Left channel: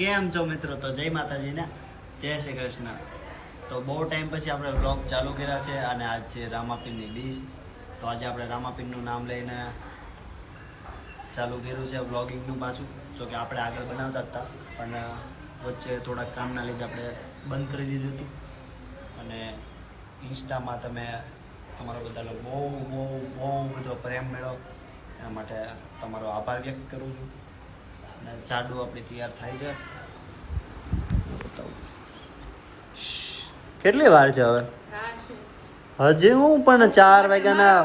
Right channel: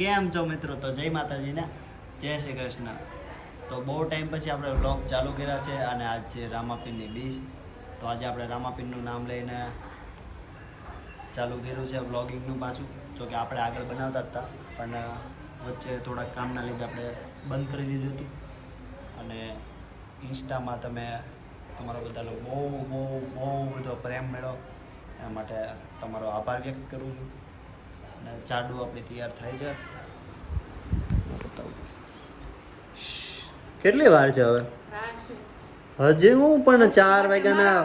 કેમ છો મિત્રો? તો જય માતાજી ને જય શ્રી કૃષ્ણ. તો બહુ ટાઈમ પછી આપણે વ્લોગ ચાલુ કર્યા છે અને આજ છે રામાપીરની બીજ. તો આજે આપણે રામાપીરનું નામ લઈને ચાલુ કર્યું છે વ્લોગિંગનું પાછું. જો કે આપણે આગળ બનાવતા હતા પણ વચ્ચે થોડાક કામના લીધે આપણે બંધ કરી દીધું હતું. અને ઇન્સ્ટામાં તમે તમારો બધાનો બહુ બધો પ્રેમ મેળવો એના માટે તમારો આભાર વ્યક્ત કરું છું. અને ચાડુ આપણી તૈયાર થાય છે. કેટલી વાર છે હવે? હજી હું પણ 4 વાગ્યાના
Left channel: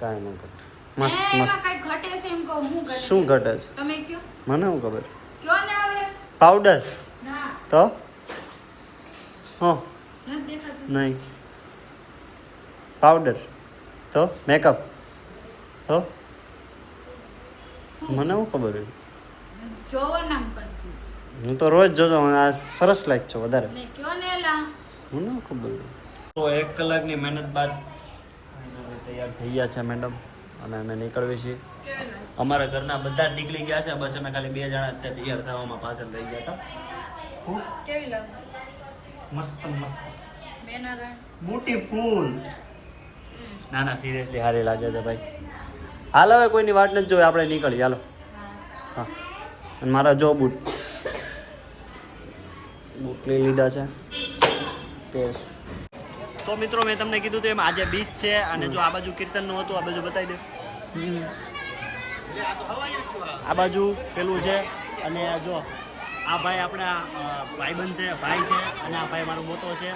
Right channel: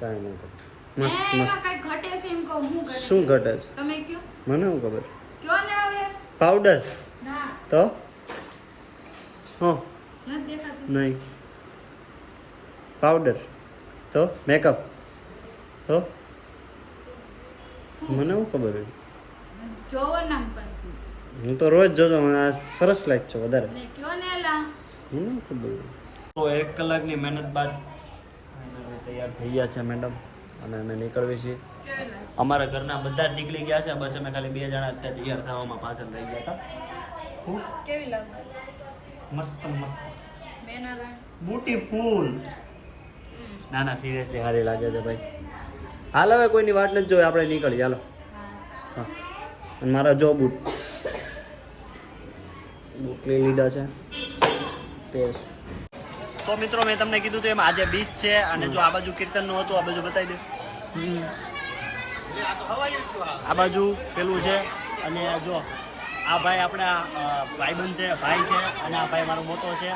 કાંઈ નહીં ઘટે. મસ્ત શું ઘટે છે મને શું ખબર? પાવડર તો નહીં પાવડર તો મેકઅપ તો મને શું ખબર હોય? હું તો રોજ જોતો આ સરસ લાગ છો વધારે મને શું ખબર હોય? તો 1 કલાકની મહેનત બાદ તૈયાર થઈ ગયા છે મેડમ અને અમે નીકળવી છીએ. અમારા ઘરના બધા જ નીકળી ગયા છે, બસ અમે ખાલી 2 જણા તૈયાર થવામાં પાછળ રહી ગયા હતા. મસ્ત મસ્ત બ્યુટીફુલ. ના ના સિરિયસલી સારી લાગે છે ભાઈ. હાલ હવે કોઈની વાટ નથી જોઈ, આપણે નીકળીએ હાલો. હા અને મારા જો બૂટ લઈ લીધા છે પેસ. તો મિત્રો મેં તમને કીધું તો એમ આજે બીચ છે અને જો આ બાજુ કીર્તનનું હતું, આ બાજુ બતાવી દઉં. આ બાજુ પેલું છે અને જો આ ભાઈ આપણા ભાઈબંધ છે, ભાઈ છે અને આ ભાઈ મારો મોટો છે.